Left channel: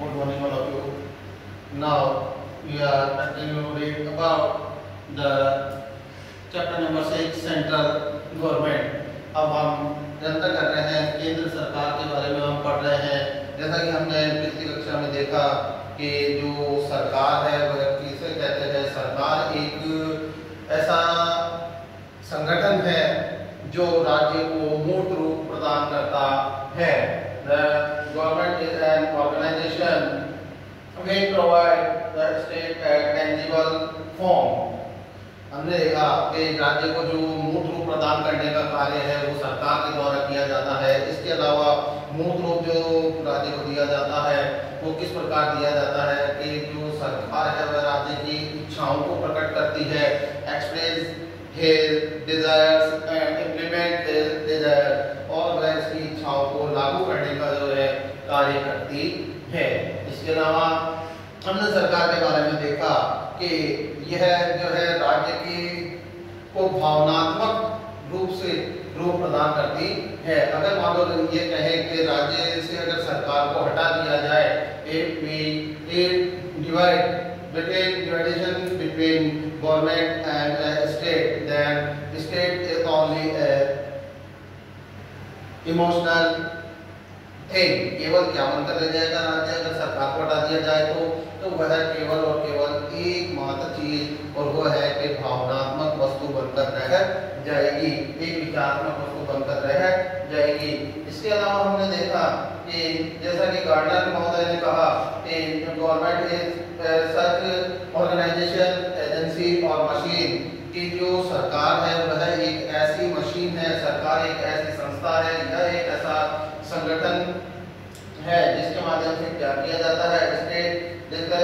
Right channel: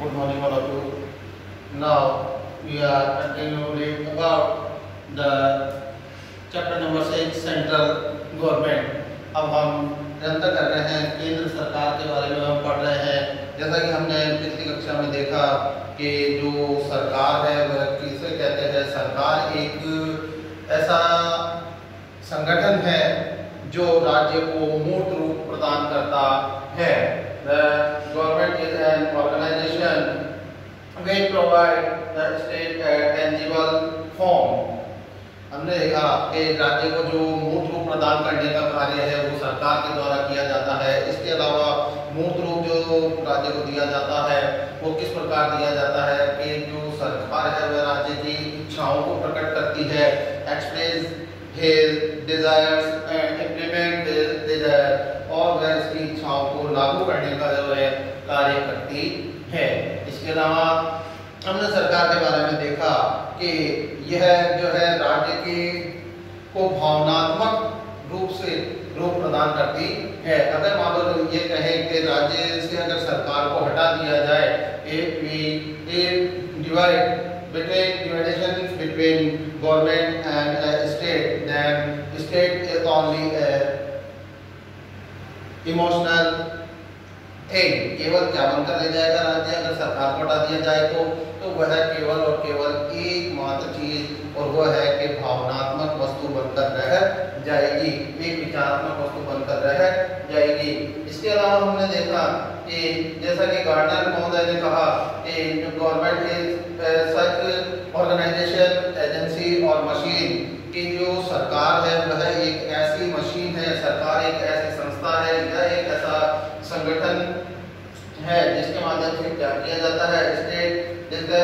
Good morning, all of you. Now we are continuing about the chapter number 6 central government. अब हम निरंतर कर रहे हैं केंद्र सरकार के बारे में हम पढ़ रहे हैं। जैसा कि हमने पिछली कक्षा में देखा कि जो सरकार है वह किसे कहते हैं। सरकार एक ऐसा संगठन है जो राज्य को मूर्त रूप प्रदान करता है। The government is an organization which provide the state a tangible form। हमने देखा कि राज्य को जो मूर्त रूप प्रदान करने का कार्य है वो सरकार के द्वारा किया जाता है। इसके अलावा मूर्त रूप जो राज्य को दिया जाता है वो किस प्रकार दिया जाता है कि जो सरकार है वह राज्य की इच्छाओं को प्रकट करती है, express his desires and implement his desire, और वह इसकी इच्छाओं को लागू करने का जो है कार्य करती है। इसके अलावा हमने सरकार के बारे में देखा कि यह जो है राज्य के को भावनात्मक रूप से रूप प्रदान करती है। अगर मान लो ये कहें कि राज्य से अगर सरकार को हटा दिया जाए, division between government and state, then state is only a emotional thing। केवल क्या बनकर रह जाएगा राज्य अगर सरकार को हटा दिया जाए तो वह केवल और केवल एकमात्र चीज और वह है कि भावनात्मक वस्तु बनकर रह जाएगी, एक विचारात्मक वस्तु बनकर रह जाएगी। इसके अलावा हमने देखा कि जैसा कि गार्डनर महोदय ने कहा कि जो government is such organisation, agency और मशीन की जो सरकार है वह एक ऐसी मशीन है, सरकार एक ऐसी संस्था है, यह एक ऐसा संगठन है जिसके माध्यम से क्या किया जाता है, स्टेट जिसका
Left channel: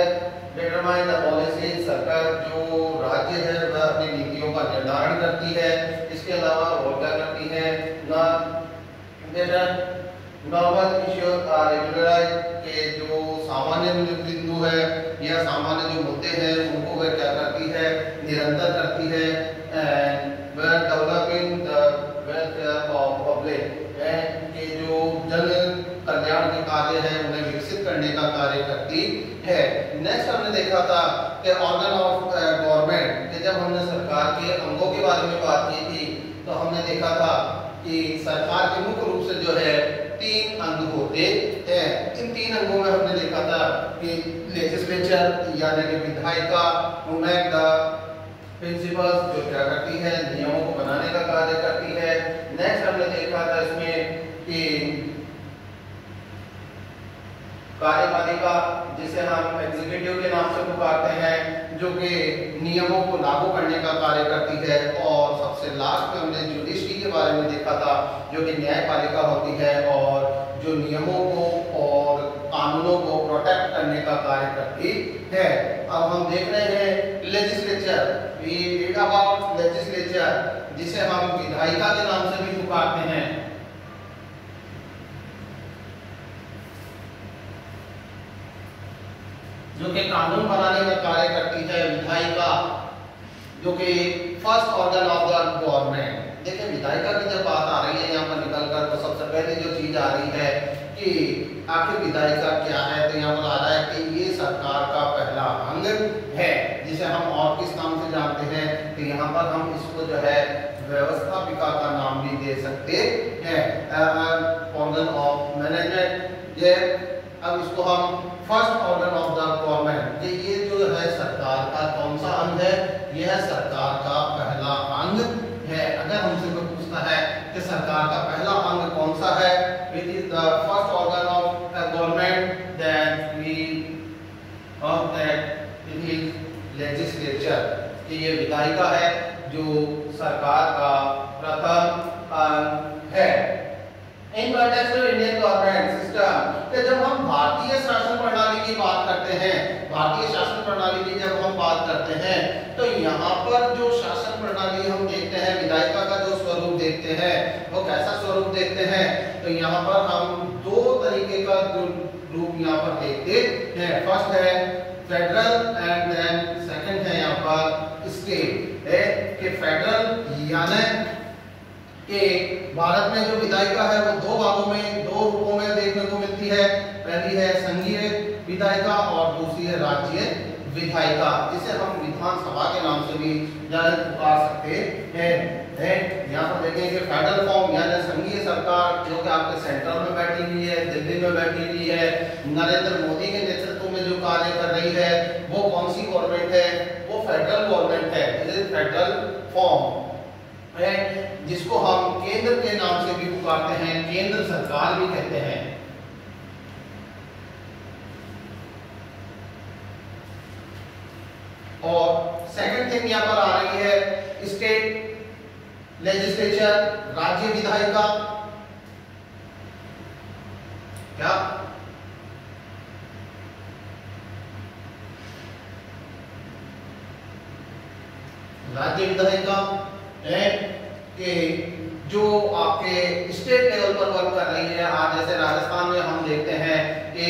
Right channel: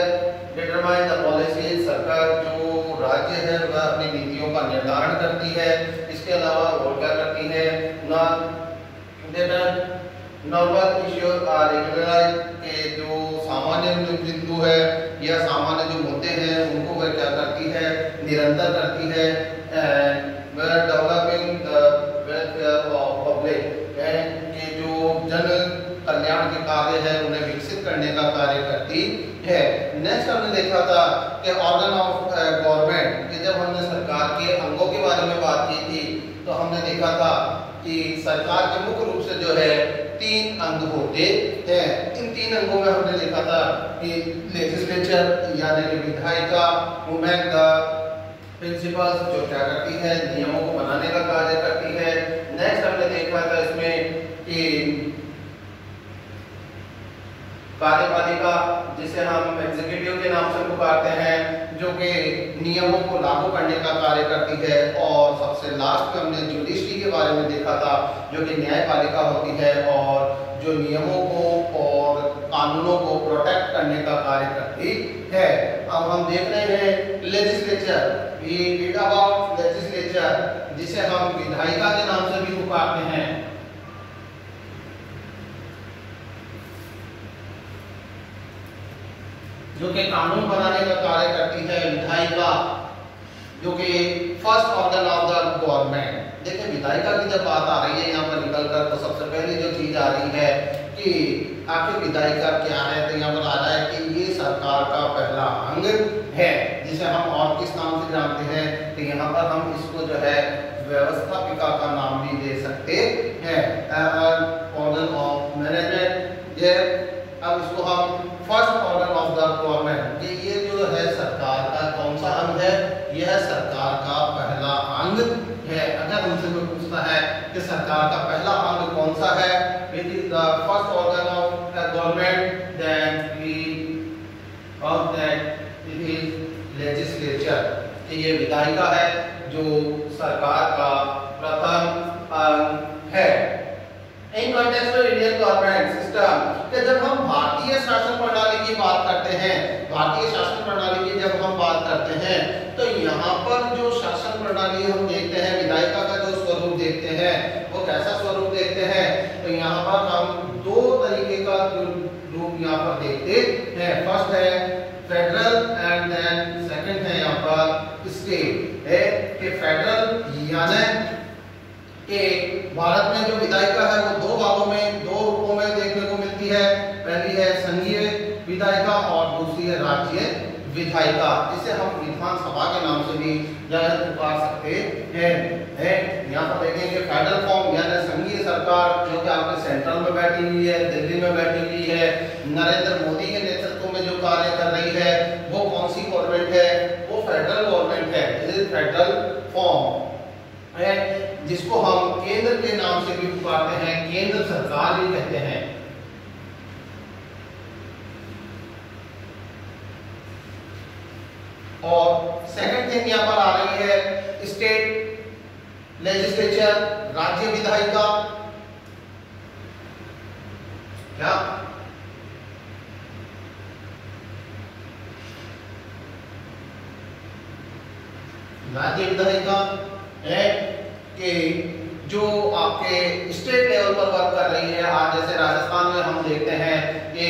डिटरमाइन द पॉलिसी। सरकार जो राज्य है वह अपनी नीतियों का निर्धारण करती है। इसके अलावा और क्या करती है, नॉर्मल इश्यू रेगुलराइज के जो सामान्य बिंदु है या सामान्य जो मुद्दे हैं उनको वह क्या करती है, निरंतर करती है। वह developing the welfare of public, के जो जन कल्याण के कार्य है उन्हें विकसित करने का कार्य करती है। नेक्स्ट हमने देखा था कि ऑर्गन ऑफ गवर्नमेंट, कि जब हमने सरकार के अंगों के बारे में बात की थी तो हमने देखा था कि सरकार के मुख्य रूप से जो है 3 अंग होते हैं। इन 3 अंगों में हमने देखा था कि लेजिस्लेचर यानी कि विधायिका, वुमेन द प्रिंसिपल्स जो क्या करती है, नियमों को बनाने का कार्य करती है। नेक्स्ट हमने देखा था इसमें कि कार्यपालिका जिसे हम एग्जीक्यूटिव के नाम से पुकारते हैं, जो कि नियमों को लागू करने का कार्य करती है। और सबसे लास्ट में हमने जुडिशरी के बारे में देखा था जो कि न्यायपालिका होती है और जो नियमों को और कानूनों को प्रोटेक्ट करने का कार्य करती है। अब हम देख रहे हैं legislature, we read about legislature जिसे हम विधायिका के नाम से भी पुकारते हैं। जो कि कानून बनाने का कार्य करती है। विधायिका जो कि first organ of the government. देखिए विधायिका की जब बात आ रही है यहाँ पर निकलकर तो सबसे पहले जो चीज आ रही है कि आखिर विधायिका क्या है, तो यहाँ पर आ रहा है कि ये सरकार का पहला अंग है जिसे हम और किस नाम से जानते हैं, तो यहाँ पर हम इसको जो है व्यवस्थापिका का नाम भी दे सकते हैं, ऑर्गन ऑफ मैनेजमेंट। अब इसको हम first organ of the government, कि ये जो है सरकार का कौन सा अंग है, यह सरकार का पहला अंग है। अगर हमसे कोई पूछता है कि सरकार का पहला अंग कौन सा है, it is the first organ of the government, then we of that it is legislature, कि ये विधायिका है जो सरकार का प्रथम अंग है। In context of Indian government system, कि जब हम भारतीय शासन प्रणाली की बात करते हैं, भारतीय शासन प्रणाली की जब हम बात करते हैं तो यहाँ पर जो शासन प्रणाली हम देखते हैं, विधायिका का जो स्वरूप देखते हैं वो कैसा स्वरूप देखते हैं, तो यहाँ पर हम 2 तरीके का रूप यहाँ पर देखते हैं। फर्स्ट है फेडरल एंड देन सेकंड है यहाँ पर स्टेट, है कि फेडरल यानी कि भारत में जो विधायिका है वो 2 भागों में 2 रूपों में देखने को मिलती है। पहली है संघीय विधायिका और दूसरी है राज्य विधायिका, जिसे हम विधानसभा के नाम से भी पुकार सकते हैं। यहाँ पर देखेंगे फेडरल फॉर्म यानी संघीय सरकार, जो कि आपके सेंट्रल में बैठी हुई है, दिल्ली में बैठी हुई है, नरेंद्र मोदी के नेतृत्व में जो कार्य कर रही है, वो कौन सी गवर्नमेंट है? वो फेडरल गवर्नमेंट है। फेडरल फॉर्म है, जिसको हम केंद्र के नाम से भी पुकारते हैं, केंद्र सरकार भी कहते हैं। और सेकंड थिंग यहाँ पर आ रही है स्टेट लेजिस्लेचर, राज्य विधायिका। क्या राज्य विधायिका है कि जो आपके स्टेट लेवल पर वर्क कर रही है। आज जैसे राजस्थान में हम देखते हैं कि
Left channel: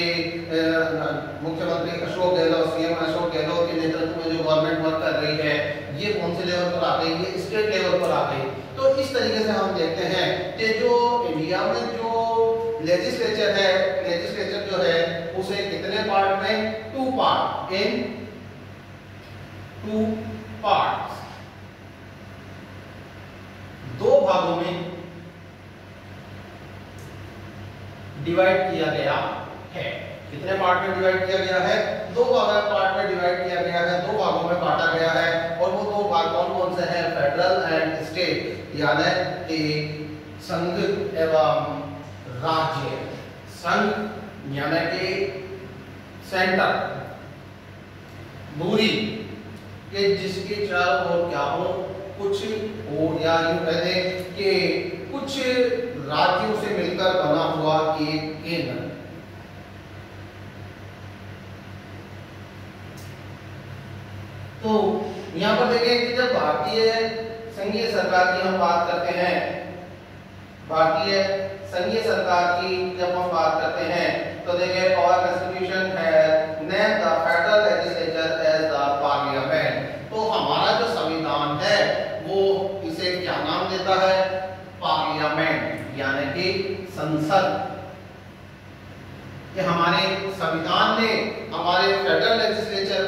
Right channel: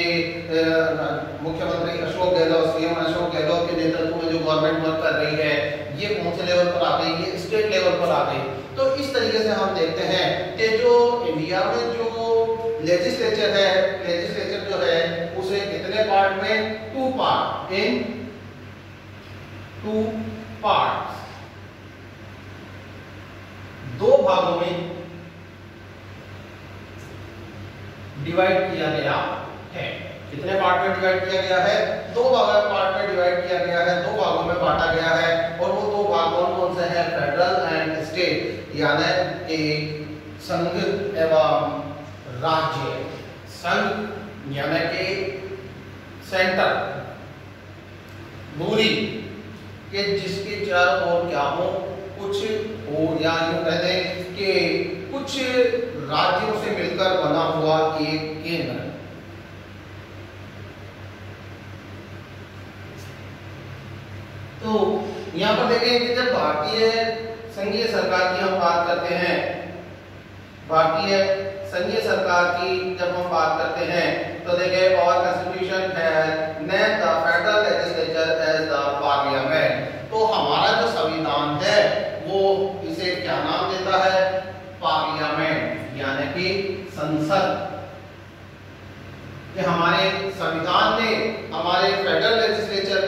मुख्यमंत्री अशोक गहलोत, सीएम अशोक गहलोत के नेतृत्व में जो गवर्नमेंट वर्क कर रही है, ये कौन से लेवल पर आ गई? ये स्टेट लेवल पर आ गई। तो इस तरीके से हम देखते हैं कि जो इंडिया में जो लेजिस्लेचर है, लेजिस्लेचर जो है उसे कितने पार्ट में? 2 पार्ट, इन 2 पार्ट्स, 2 भागों में डिवाइड किया गया है। कितने पार्ट में डिवाइड किया गया है? 2 पार्ट में डिवाइड किया गया है, 2 भागों में बांटा गया है। और वो 2 भाग कौन कौन से हैं? फेडरल एंड स्टेट, यानी कि संघ एवं राज्य। संघ यानी कि सेंटर, दूरी के जिसके चारों ओर क्या हो, कुछ हो, या यूं कह दें कि कुछ राज्यों से मिलकर बना हुआ एक केंद्र। तो यहाँ पर देखिए कि जब भारतीय संघीय सरकार की हम बात करते हैं, भारतीय संघीय सरकार की जब हम बात करते हैं, तो देखिए और कॉन्स्टिट्यूशन है name the federal legislature as the parliament. तो हमारा जो संविधान है वो इसे क्या नाम देता है? पार्लियामेंट, यानी कि संसद। कि हमारे संविधान ने हमारे फेडरल लेजिस्लेचर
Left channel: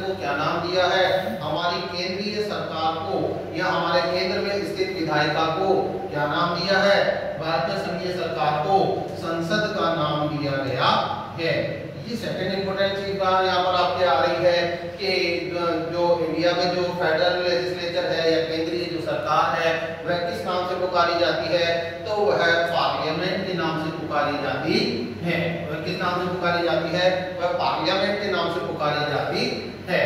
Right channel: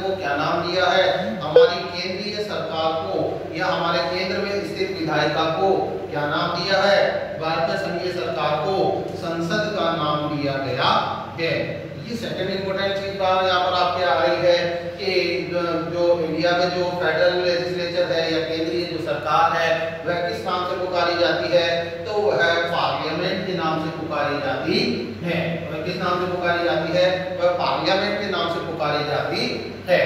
को क्या नाम दिया है? हमारी केंद्रीय सरकार को या हमारे केंद्र में स्थित विधायिका को क्या नाम दिया है? भारतीय संघीय सरकार को संसद का नाम दिया गया है। ये सेकंड इंपॉर्टेंट चीज बात यहाँ पर आपके आ रही है कि जो इंडिया में जो फेडरल लेजिस्लेचर है या केंद्रीय जो सरकार है, वह किस नाम से पुकारी जाती है? तो वह पार्लियामेंट के नाम से पुकारी जाती है। वह किस नाम से पुकारी जाती है? वह पार्लियामेंट के नाम से पुकारी जाती है।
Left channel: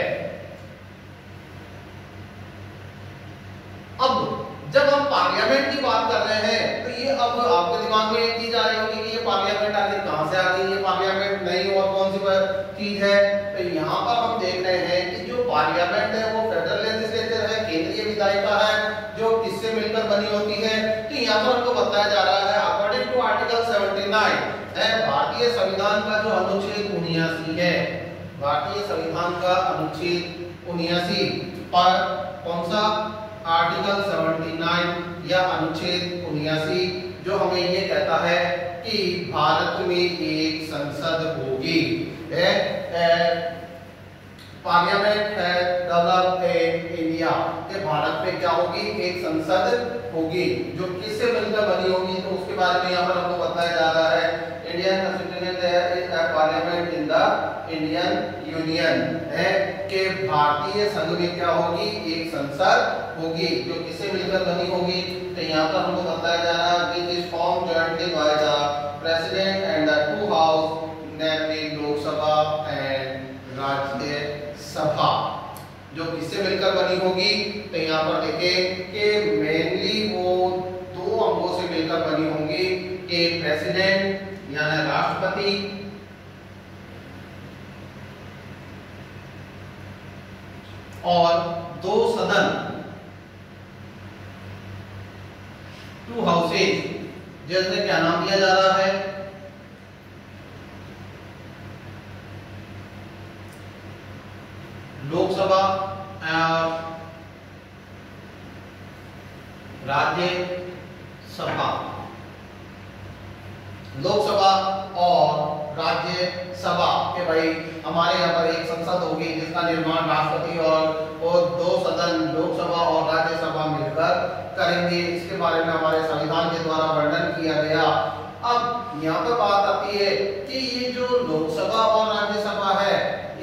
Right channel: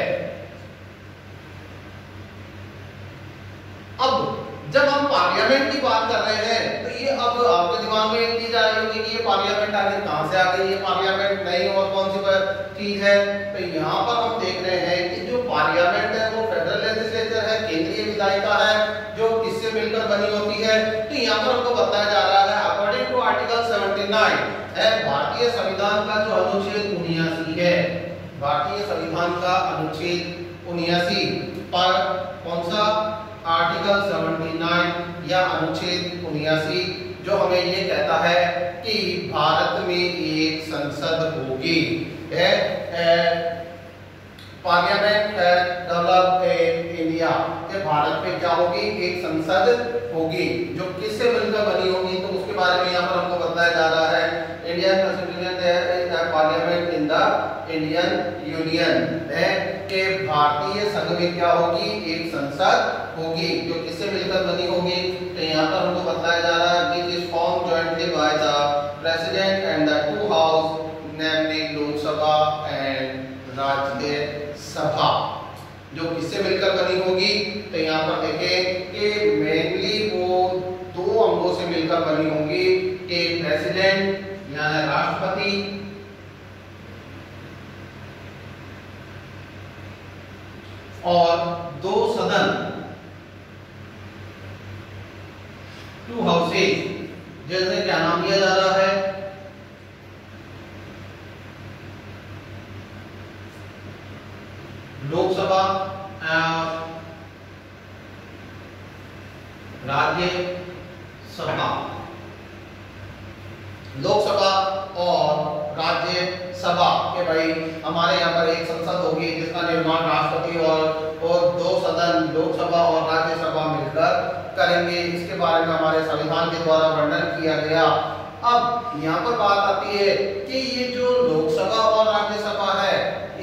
अब जब हम पार्लियामेंट की बात कर रहे हैं, तो ये अब आपके दिमाग में एक चीज आ रही होगी कि ये पार्लियामेंट आखिर कहां से आ गई? ये पार्लियामेंट नहीं और कौन सी चीज है? तो यहाँ पर हम देख रहे हैं कि जो पार्लियामेंट है वो फेडरल लेजिस्लेचर है, केंद्रीय विधायिका है, जो किससे मिलकर बनी होती है। तो यहाँ पर हमको बताया जा रहा है अकॉर्डिंग टू आर्टिकल 79 है भारतीय संविधान का जो अनुच्छेद 79 है, भारतीय संविधान का अनुच्छेद 79 पर कौन सा? आर्टिकल 79 या अनुच्छेद 79 जो हमें ये कहता है कि भारत में एक संसद होगी। पार्लियामेंट है डेवलप इन इंडिया, कि भारत में क्या होगी? एक संसद होगी जो किससे मिलकर बनी होगी। तो उसके बारे में यहाँ पर हमको बताया जा रहा है Indian constitution is the parliament in the Indian union, है कि भारतीय संघ में क्या होगी? एक संसद होगी जो किससे मिलकर बनी होगी। तो यहाँ पर हमको बताया जा रहा है कि इस form jointly by the president and the 2 house, namely Lok Sabha and Rajya Sabha, जो किससे मिलकर बनी होगी। तो यहाँ पर देखें कि मेनली वो 2 अंगों से मिलकर बनी होंगी, एक प्रेसिडेंट यानी राष्ट्रपति और 2 सदन, 2 हाउसेज, जैसे क्या नाम दिया जा रहा है? लोकसभा और राज्यसभा, लोकसभा और राज्यसभा के भाई हमारे यहाँ पर एक संसद होगी जिसका निर्माण राष्ट्रपति और दो सदन लोकसभा और राज्यसभा मिलकर करेंगे। इसके बारे में हमारे संविधान के द्वारा वर्णन किया गया। अब यहाँ पर बात आती है कि ये जो लोकसभा और राज्यसभा है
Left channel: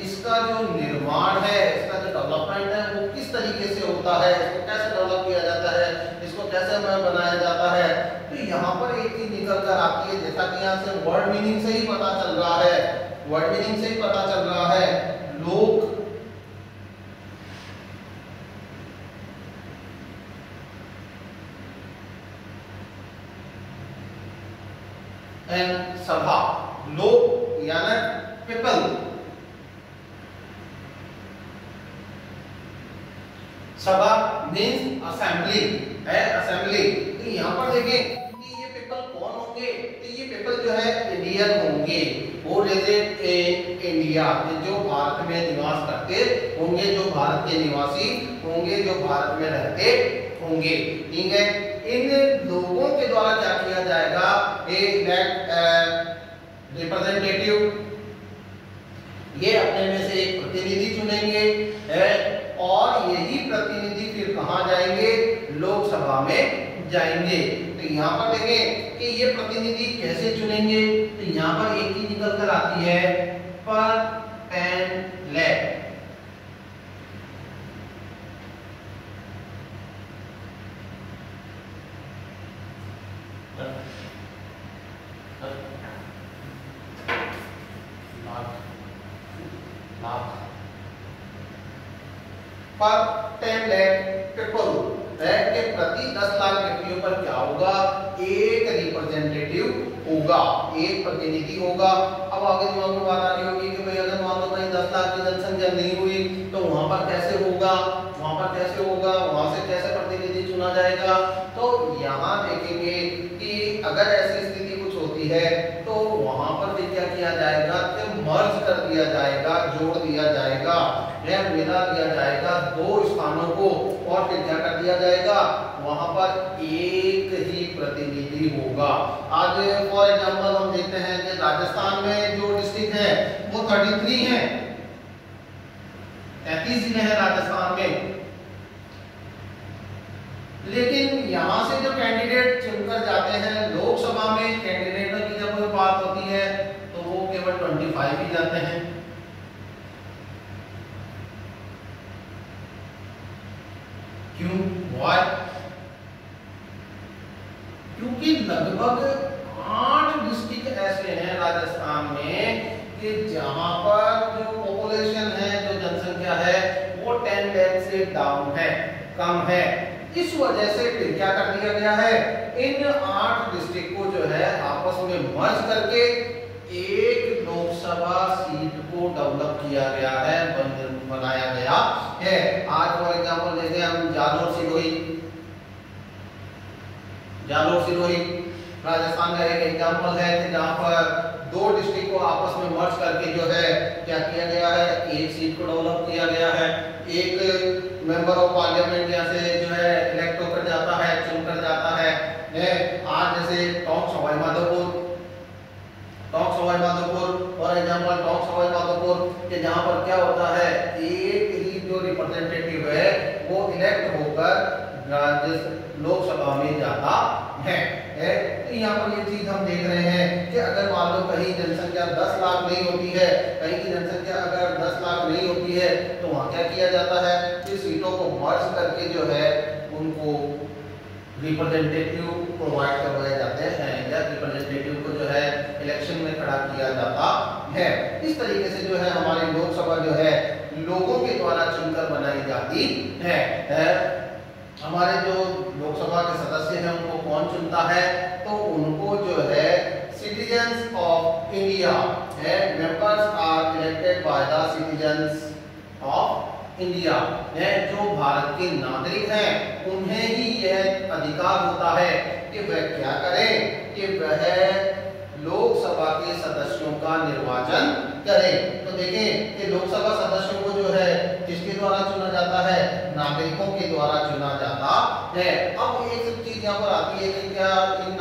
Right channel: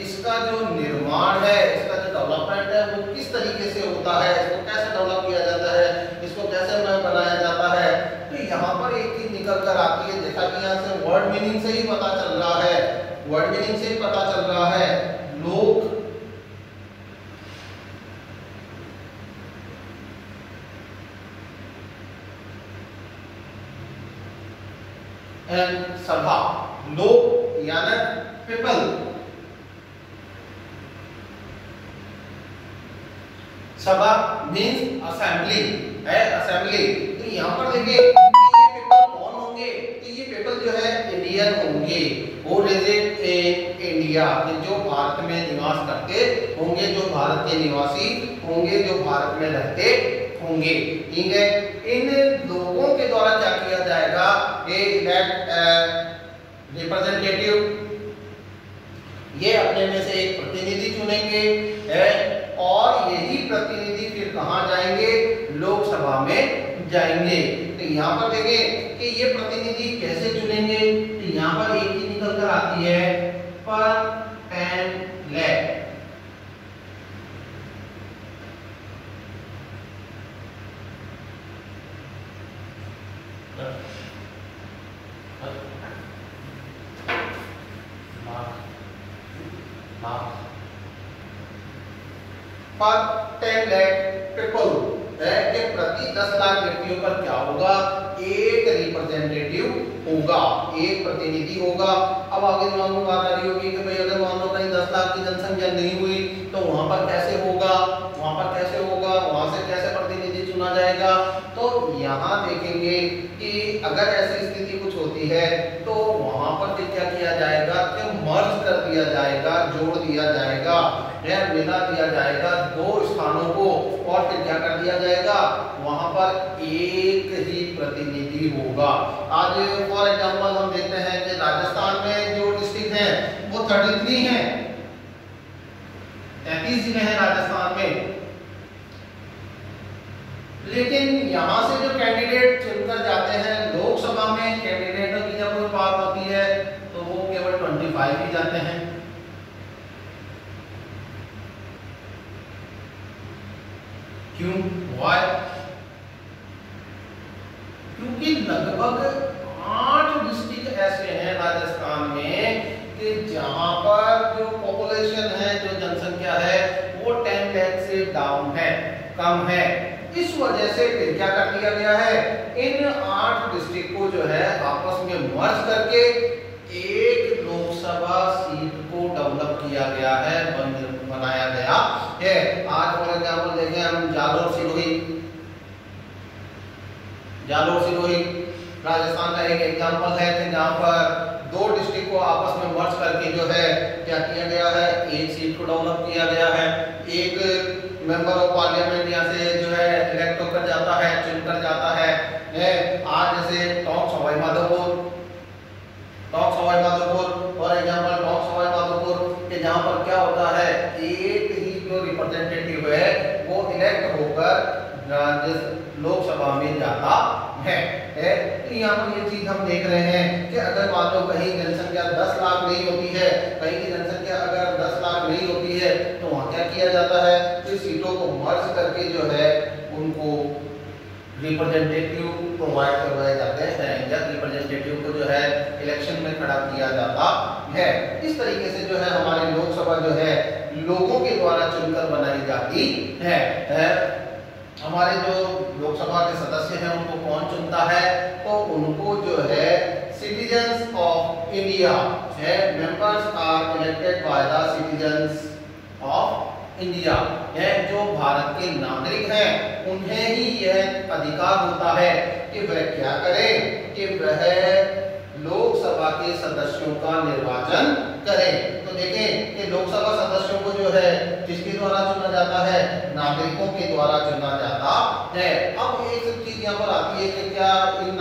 इसका जो निर्माण है, इसका जो डेवलपमेंट है वो किस तरीके से होता है, इसको कैसे डेवलप किया जाता है, इसको कैसे बनाया जाता है। तो यहाँ पर एक चीज निकल कर आती है, जैसा कि यहाँ से वर्ड मीनिंग से ही पता चल रहा है, वर्ड मीनिंग से ही पता चल रहा है, लोक एंड सभा, लोक यानी पीपल, सभा मीन्स असेंबली है, असेंबली। तो यहाँ पर देखिए कि ये पीपल कौन होंगे, तो ये पीपल जो है इंडियन होंगे, वो रेजिड इन इंडिया, जो भारत में निवास करते होंगे, जो भारत के निवासी होंगे, जो भारत में रहते होंगे। ठीक है, इन लोगों के द्वारा क्या किया जाएगा, ये इलेक्ट रिप्रेजेंटेटिव, ये अपने में से एक प्रतिनिधि चुनेंगे और यही प्रतिनिधि फिर कहां जाएंगे, लोकसभा में जाएंगे। तो यहाँ पर देखें कि ये प्रतिनिधि कैसे चुनेंगे, तो यहाँ पर एक चीज निकल कर आती है, पर एंड लेफ्ट। पर 10 लाख पीपल के प्रति 10 लाख व्यक्तियों पर क्या होगा, एक रिप्रेजेंटेटिव होगा, एक प्रतिनिधि होगा। अब आगे जो आपको बात आ रही होगी कि भाई अगर मान लो कहीं 10 लाख की जनसंख्या नहीं हुई तो वहां पर कैसे होगा, वहां पर कैसे होगा, वहां से कैसे प्रतिनिधि चुना जाएगा। तो यहाँ देखेंगे कि अगर ऐसी स्थिति कुछ होती है तो वहां पर क्या किया जाएगा कि मर्ज कर दिया जाएगा, जोड़ दिया जाएगा, मिला दिया जाएगा दो स्थानों को, और फिर क्या कर दिया जाएगा, वहां पर एक ही प्रतिनिधि होगा। आज फॉर एग्जांपल हम देखते हैं कि राजस्थान में जो डिस्ट्रिक्ट है वो 33 है, 33 जिले हैं राजस्थान में, लेकिन यहां से जो कैंडिडेट चुनकर जाते हैं लोकसभा में, कैंडिडेटों की जब बात होती है तो वो केवल 25 ही जाते हैं। क्यों, व्हाई? क्योंकि लगभग 8 डिस्ट्रिक्ट ऐसे हैं राजस्थान में कि जहां पर जो पॉपुलेशन है, जो जनसंख्या है वो 10 लाख से डाउन है, कम है। इस वजह से फिर क्या कर दिया गया है, इन 8 डिस्ट्रिक्ट को जो है आपस में मर्ज करके एक लोकसभा सीट को डेवलप किया गया है, बनाया गया है। आज फॉर एग्जाम्पल देखें हम जालोर सिरोही राजस्थान का एक एग्जाम्पल है कि जहां पर 2 डिस्ट्रिक्ट को आपस में मर्ज करके जो है क्या किया गया है, एक सीट को डेवलप किया गया है। एक मेंबर ऑफ पार्लियामेंट यहाँ से जो है इलेक्ट होकर जाता है, चुनकर जाता है। आज जैसे talk Sawai Madhopur for example talk Sawai Madhopur के जहाँ पर क्या होता है, एक ही जो रिप्रेजेंटेटिव है वो इलेक्ट होकर लोकसभा में जाता है। तो यहाँ पर ये चीज हम देख रहे हैं कि अगर मान लो कहीं जनसंख्या 10 लाख नहीं होती है, कहीं की जनसंख्या अगर 10 लाख नहीं होती है तो वहाँ क्या किया जाता है, तो सीटों को मर्ज करके जो है उनको रिप्रेजेंटेटिव प्रोवाइड करवाए जाते हैं, या रिप्रेजेंटेटिव को जो है इलेक्शन में खड़ा किया जाता है। इस तरीके से जो है हमारी लोकसभा जो है लोगों के द्वारा चुनकर बनाई जाती है। हमारे जो लोकसभा के सदस्य हैं उनको कौन चुनता है, तो उनको जो है सिटीजन्स ऑफ इंडिया है, members are elected by the citizens of India है, जो भारत के नागरिक हैं उन्हें ही यह अधिकार होता है कि वह क्या करें, कि वह लोकसभा के सदस्यों का निर्वाचन करें। तो देखें कि लोकसभा सदस्यों को जो है किसके द्वारा चुना जाता है, नागरिकों के द्वारा चुना जाता है। अब एक चीज यहाँ पर आती है कि क्या इन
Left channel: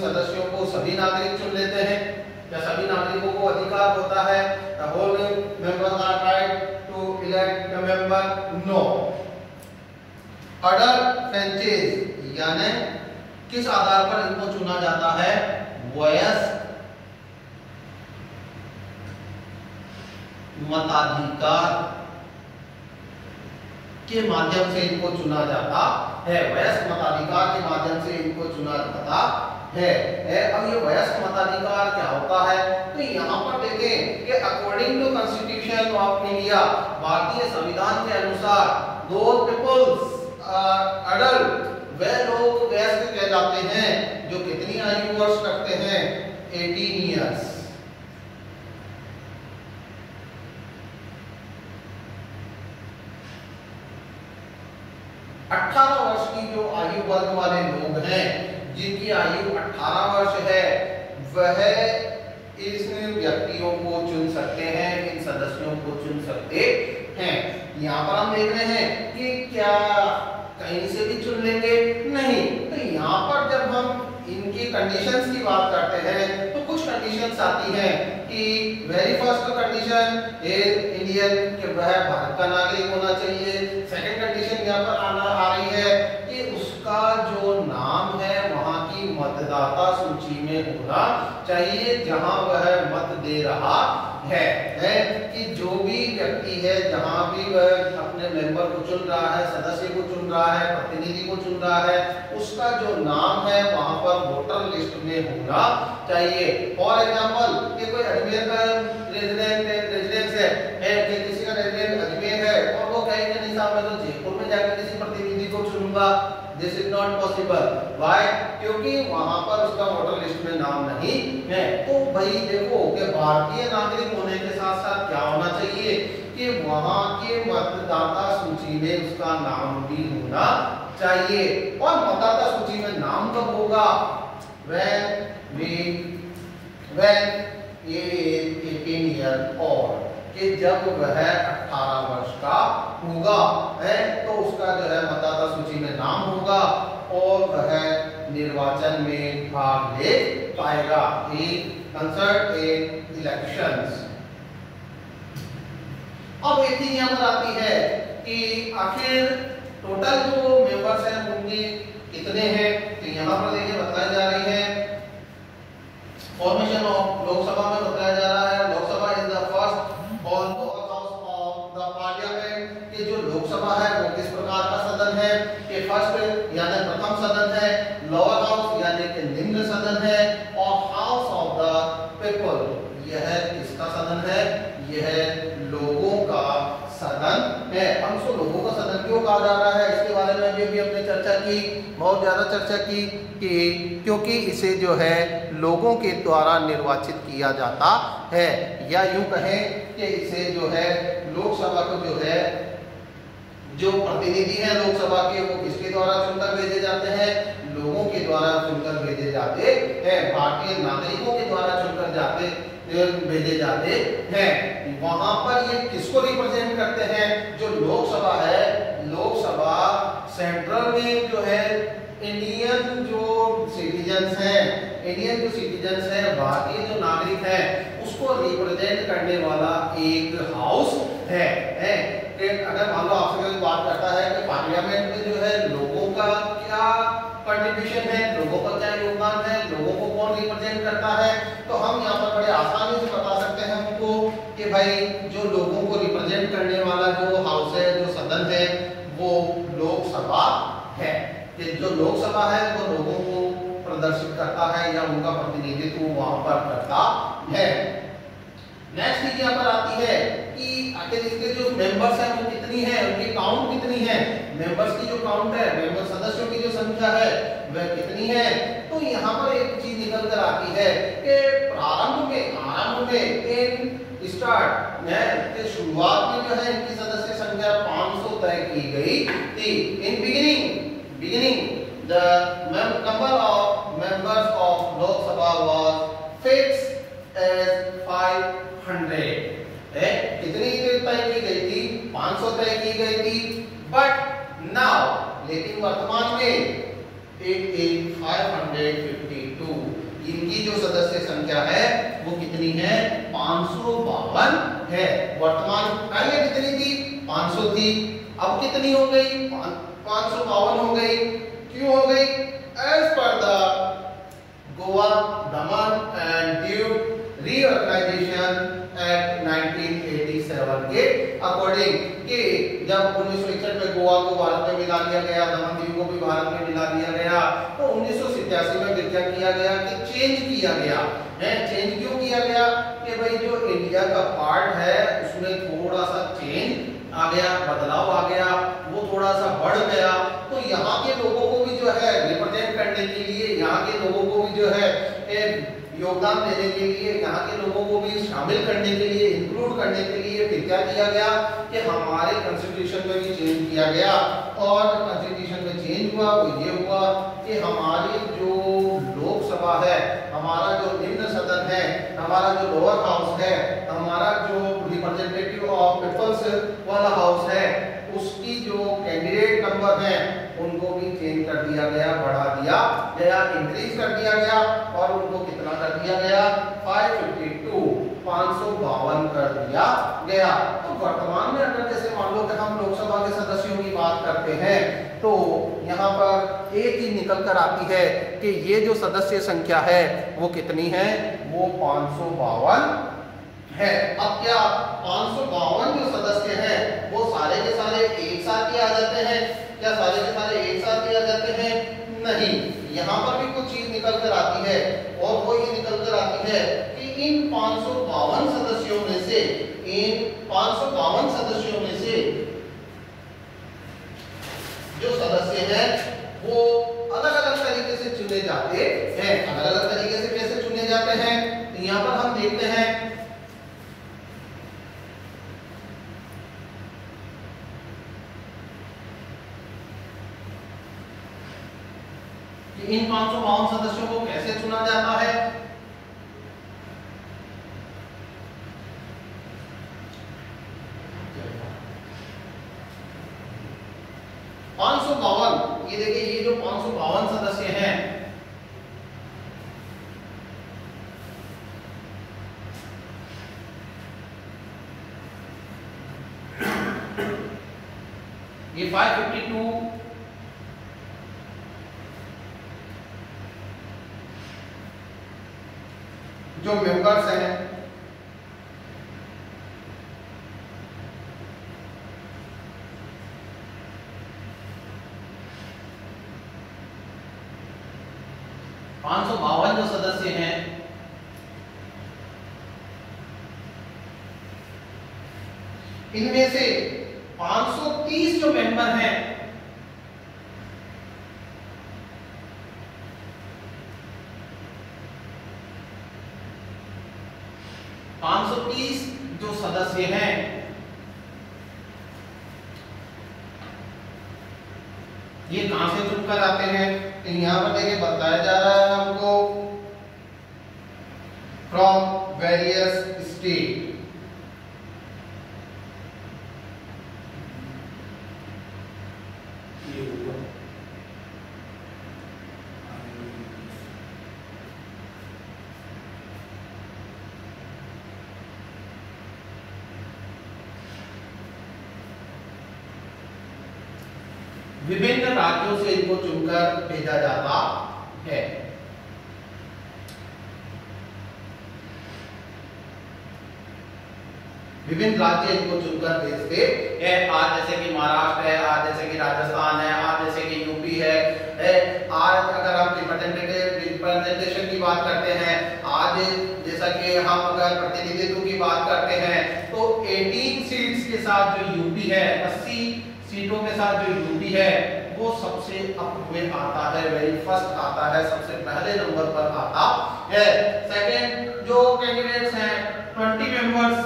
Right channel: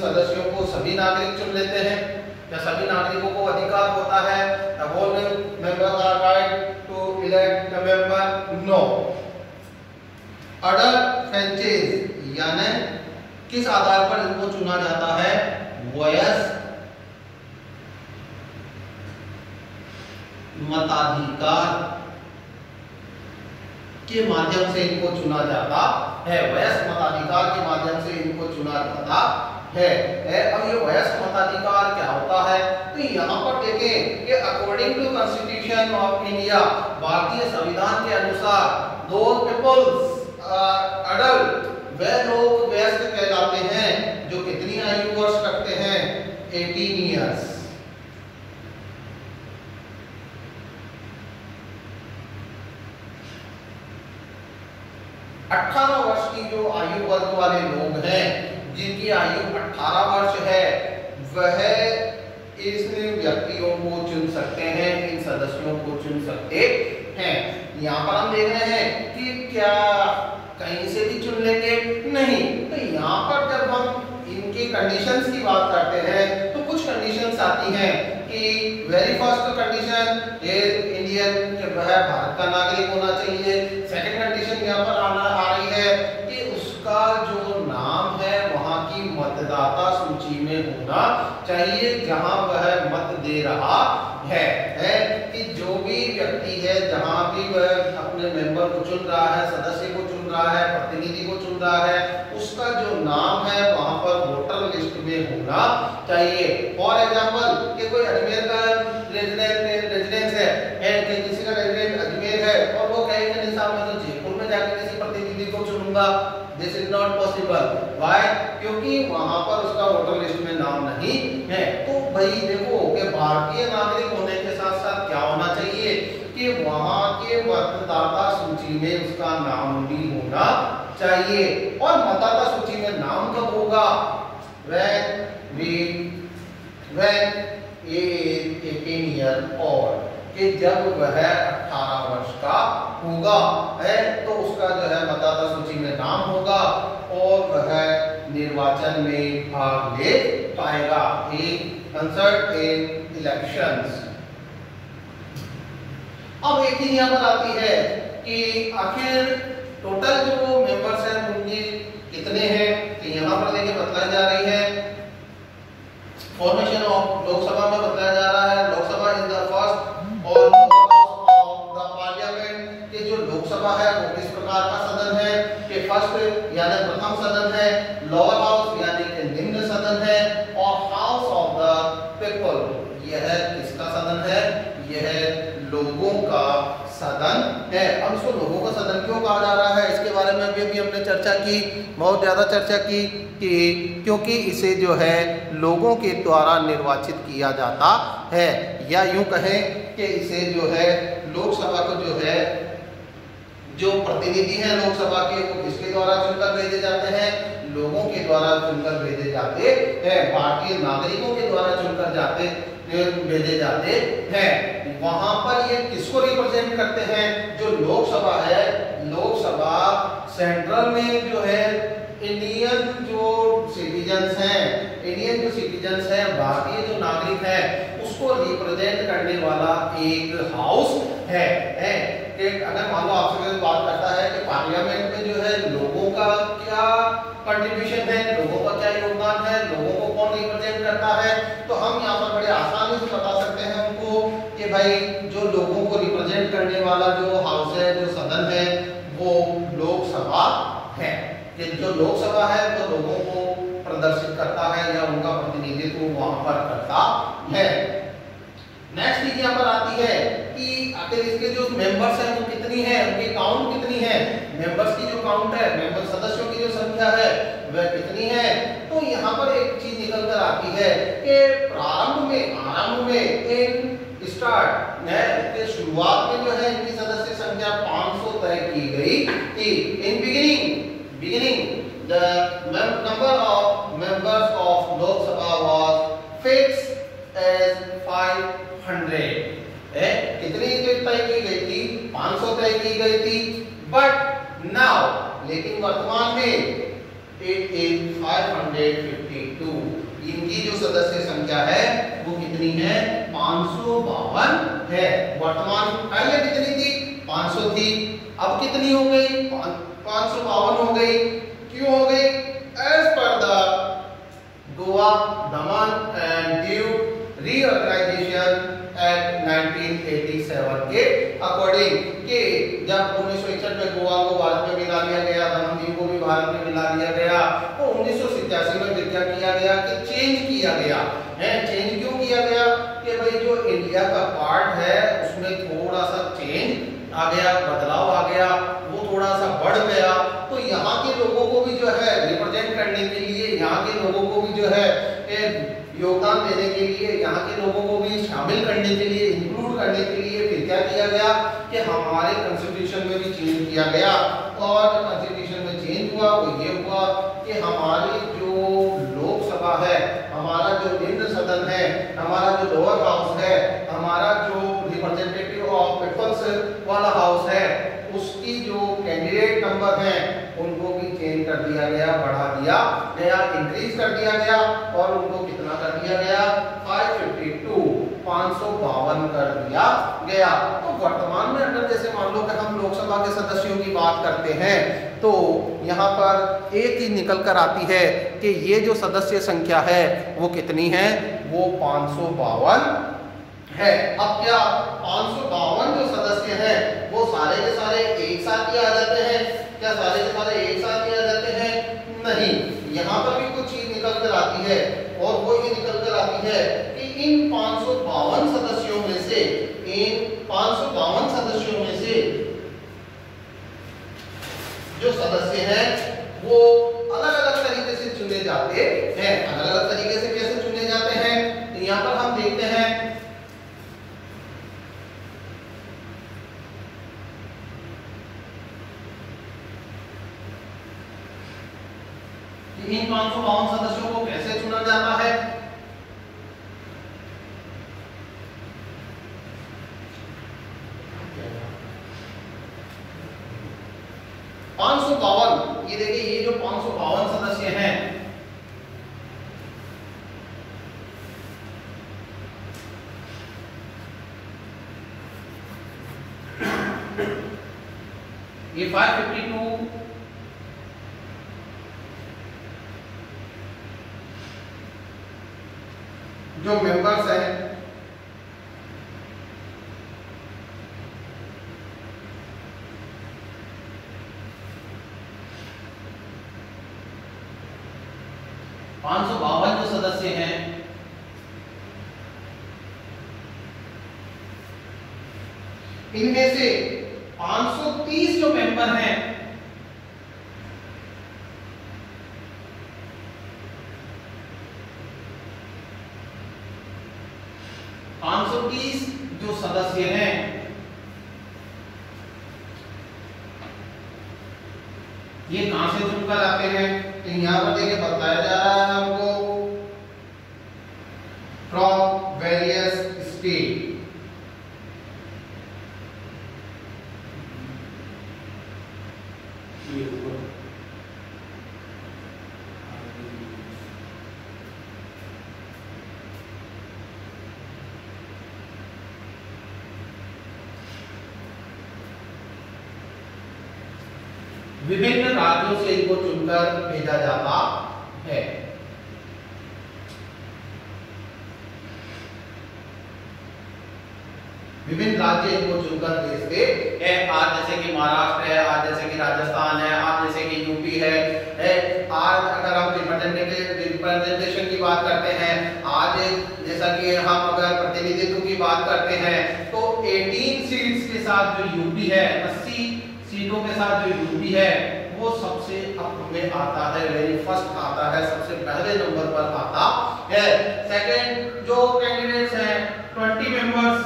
सदस्यों को सभी नागरिक चुन लेते हैं, क्या सभी नागरिकों को अधिकार होता है? The whole members are right to elect a member? No. Adult franchise यानी किस आधार पर इनको चुना जाता है? वयस्क मताधिकार के माध्यम से इनको चुना जाता है। वयस्क मताधिकार के माध्यम से इनको चुना जाता है। अब ये वयस्क मताधिकार क्या होता है? तो यहाँ पर देखें कि according to constitution of India, भारतीय संविधान के अनुसार, दोज पीपल्स अडल्ट, वे लोग वयस्क कहलाते हैं जो कितनी आयु वर्ष रखते हैं? 18 ईयर्स। अठारह वर्ष की जो आयु वर्ग वाले लोग हैं, जिनकी आयु 18 वर्ष है, वह इस व्यक्तियों को चुन सकते हैं, इन सदस्यों को चुन सकते हैं। यहाँ पर हम देख रहे हैं कि क्या कहीं से भी चुन लेंगे? नहीं। तो यहाँ पर जब हम इनके कंडीशंस की बात करते हैं तो कुछ कंडीशंस आती हैं कि वेरी फर्स्ट कंडीशन इंडियन, वह भारत का नागरिक होना चाहिए। सेकंड कंडीशन यहाँ पर आ रही है कि उसका जो नाम है वहाँ की मतदाता सूची में होना चाहिए जहाँ वह मत दे रहा है कि जो भी व्यक्ति है जहाँ भी वह अपने मेंबर को चुन रहा है, सदस्य को चुन रहा है, प्रतिनिधि को चुन रहा है, उसका जो नाम है वहाँ पर वोटर लिस्ट में होना चाहिए। फॉर एग्जाम्पल कि कोई अजमेर का रेजिडेंस है कि किसी का रेजिडेंस अजमेर है और वो कहेंगे नहीं साहब मैं तो जयपुर में जाकर किसी प्रतिनिधि को चुनूंगा, this is not possible. Why? क्योंकि वहां पर उसका वोटर लिस्ट में नाम नहीं है। तो भाई देखो कि भारतीय नागरिक होने के साथ साथ क्या होना चाहिए कि वहां के मतदाता सूची में उसका नाम भी होना चाहिए। और मतदाता सूची में नाम कब होगा? when is 18 years old, कि जब वह 18 वर्ष का होगा है तो उसका जो है मतदाता सूची में नाम होगा और वह निर्वाचन में भाग ले पाएगा, कंसर्ट इन इलेक्शंस। अब एक चीज यहाँ पर आती है कि आखिर टोटल जो मेंबर्स हैं उनके कितने हैं? तो यहाँ पर देखिए बताया जा रही है फॉर्मेशन ऑफ लोकसभा में बताया जा रहा है। लोकसभा इज द फर्स्ट और ऑफ द पार्लियामेंट, कि जो लोकसभा है वो किस प्रकार का सदन है कि फर्स्ट यानी प्रथम सदन है, लोअर हाउस यानी कि निम्न सदन है, और हाउस ऑफ द पीपल, यह किसका सदन है? यह लोगों का सदन है। अब इसको लोगों का सदन क्यों कहा जा रहा है, इसके बारे में अभी भी हमने चर्चा की, बहुत ज्यादा चर्चा की कि क्योंकि इसे जो है लोगों के द्वारा निर्वाचित किया जाता है, या यूं कहें कि इसे जो है लोकसभा को जो है जो प्रतिनिधि हैं लोकसभा के वो किसके द्वारा चुनकर भेजे जाते हैं? लोगों के द्वारा चुनकर भेजे जाते हैं, भारतीय नागरिकों के द्वारा चुनकर भेजे जाते हैं। वहां पर ये किसको रिप्रेजेंट करते हैं? जो लोकसभा है, लोकसभा सेंट्रल में जो है इंडियन जो सिटीजन्स हैं, इंडियन जो सिटीजन्स हैं, भारतीय जो नागरिक हैं, उसको रिप्रेजेंट करने वाला एक हाउस है। कि अगर मान लो आपसे कोई बात करता है कि पार्लियामेंट में जो है लोगों का क्या कंट्रीब्यूशन है, लोगों का क्या योगदान है, लोगों को कौन रिप्रेजेंट करता है, तो हम यहाँ पर बड़े आसानी से बता सकते हैं उनको कि भाई जो लोगों को रिप्रेजेंट करने वाला जो हाउस है, जो सदन है, वो लोकसभा है। कि जो लोकसभा है वो लोगों को प्रदर्शित करता है या उनका प्रतिनिधित्व वहां पर करता है। नेक्स्ट चीज यहाँ पर आती है कि आखिर इसके जो मेंबर्स हैं वो कितनी है, उनकी काउंट कितनी है, मेंबर्स की जो काउंट है, मेंबर सदस्यों की जो संख्या है वह कितनी है। तो यहाँ पर एक चीज निकल कर आती है कि आरंभ में स्टार्ट है, शुरुआत में जो है इनकी सदस्य संख्या 500 तय की गई थी। In beginning the number of members of Lok Sabha was fixed as 500। कितनी तय की गई थी? 500 तय की गई थी। बट नाउ, लेकिन वर्तमान में इट इज 552। इनकी जो सदस्य संख्या है वो कितनी है? 552 है। वर्तमान पहले कितनी थी? 500 थी, अब कितनी हो गई? 552 हो गई। क्यों हो गई? As per the Goa Daman and Diu reorganisation act 1987 के अकॉर्डिंग कि जब 1961 में गोवा को भारत में मिला लिया गया, दमन दीव को भी भारत में मिला लिया गया, तो 1987 में क्या किया गया कि चेंज किया गया है। चेंज क्यों किया गया? कि भाई जो इंडिया का पार्ट है उसमें थोड़ा सा चेंज आ गया, बदलाव आ गया, वो थोड़ा सा बढ़ गया। तो यहाँ के लोगों को भी जो है रिप्रेजेंट करने के लिए, यहाँ के लोगों को भी जो है योगदान देने के लिए, यहाँ के लोगों को भी शामिल करने के लिए, इंक्लूड करने के लिए फिर क्या किया गया कि हमारे कॉन्स्टिट्यूशन में भी चेंज किया गया। और जब कॉन्स्टिट्यूशन में चेंज हुआ वो ये हुआ कि हमारी जो लोकसभा है, हमारा जो निम्न सदन है, हमारा जो लोअर हाउस है, हमारा जो रिप्रेजेंटेटिव ऑफ पीपल्स वाला हाउस है, उसकी जो कैंडिडेट नंबर है उनको भी चेंज कर दिया गया, बढ़ा दिया गया, इंक्रीज कर दिया गया। और उनको कितना कर दिया गया? 552 कर दिया गया। तो वर्तमान में अगर जैसे मान लो कि हम लोकसभा के सदस्यों की बात करते हैं तो यहाँ पर एक ही निकल कर आती है कि ये जो सदस्य संख्या है वो कितनी है? वो 552 है। अब क्या 552 जो सदस्य हैं वो सारे के सारे एक साथ ही आ जाते हैं? क्या सारे के सारे एक साथ ही आ जाते हैं? नहीं, यहाँ पर भी कुछ चीज निकल कर आती है और वो ये निकल कर आती है कि इन 552 सदस्यों में से, इन 552 सदस्यों में से जो सदस्य हैं वो अलग अलग तरीके से चुने जाते हैं। अलग अलग तरीके से कैसे चुने जाते हैं? तो यहाँ पर हम देखते हैं इन 552 सदस्यों को कैसे चुना जाता है। 552, ये देखिए ये जो 552 सदस्य हैं ये 552 जो मेंबर्स हैं जो सदस्य हैं इनमें से 530 जो मेंबर हैं जो सदस्य हैं ये कहां से चुनकर आते हैं? तो यहां पर देखिए बताया जा रहा है हमको फ्रॉम वेरियस स्टेट। विभिन्न राज्यों से इनको चुनकर भेजा जाता है। विभिन्न राज्य इनको चुनकर भेजते हैं। आज जैसे कि महाराष्ट्र है, आज जैसे कि राजस्थान है, आज जैसे कि यूपी है। आज अगर हम रिप्रेजेंटेशन की बात करते हैं, आज जैसा कि हम अगर प्रतिनिधित्व की बात करते हैं तो 18 सीट्स के साथ जो यूपी है, 80 सीटों के साथ जो यूपी है वो सबसे अप में आता है, वेरी फर्स्ट आता है, सबसे पहले नंबर पर आता है। सेकंड जो कैंडिडेट्स हैं 20 मेंबर्स,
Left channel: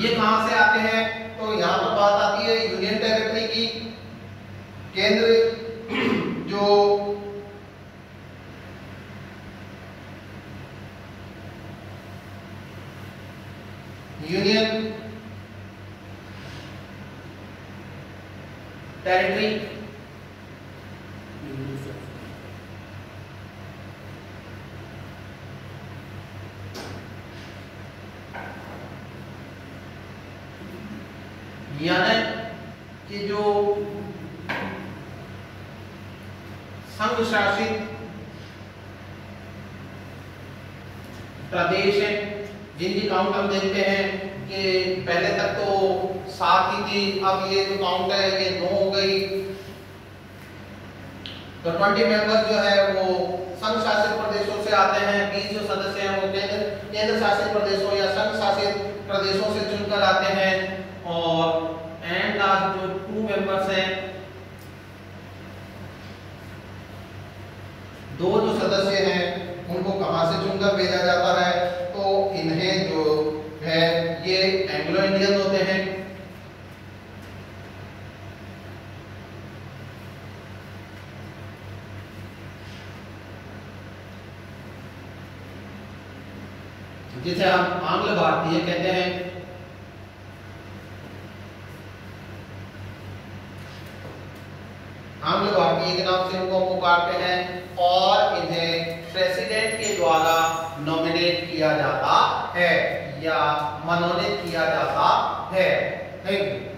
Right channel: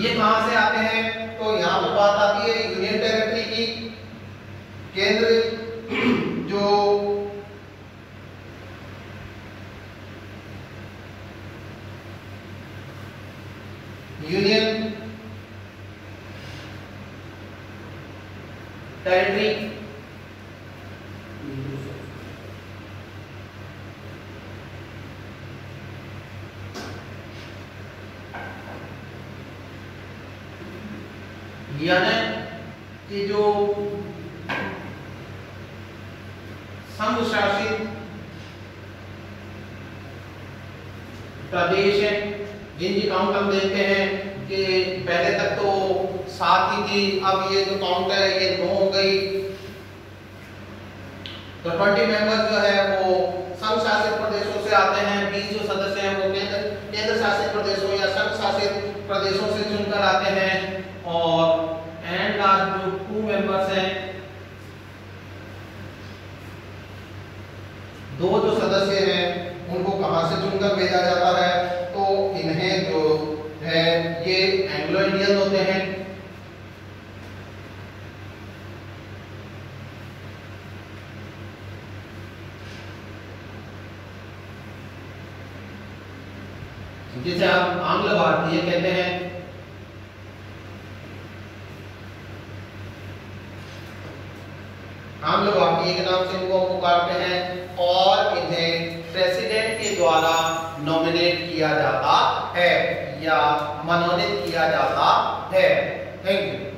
ये कहां से आते हैं? तो यहां पर बात आती है यूनियन टेरिटरी की। केंद्र जो यूनियन टेरिटरी यानी कि जो संघ शासित प्रदेश है, जिनकी काउंट हम देखते हैं कि पहले तक तो 7 ही थी, अब ये जो काउंट है ये 9 हो गई। तो 20 मेंबर जो है वो संघ शासित प्रदेशों से आते हैं, 20 जो सदस्य हैं वो केंद्र शासित प्रदेशों या संघ शासित प्रदेशों से चुनकर आते हैं। और एंड लास्ट जो 2 मेंबर्स हैं, 2 जो सदस्य हैं उनको कहां से चुनकर भेजा जाता है? तो इन्हें जो है ये एंग्लो इंडियन होते हैं। जिसे हम आंग्ल भारतीय कहते हैं। आंग्ल भारतीय के नाम से इनको हम पुकारते हैं और इन्हें प्रेसिडेंट के द्वारा नॉमिनेट किया जाता है या मनोनीत किया जाता है। Thank you.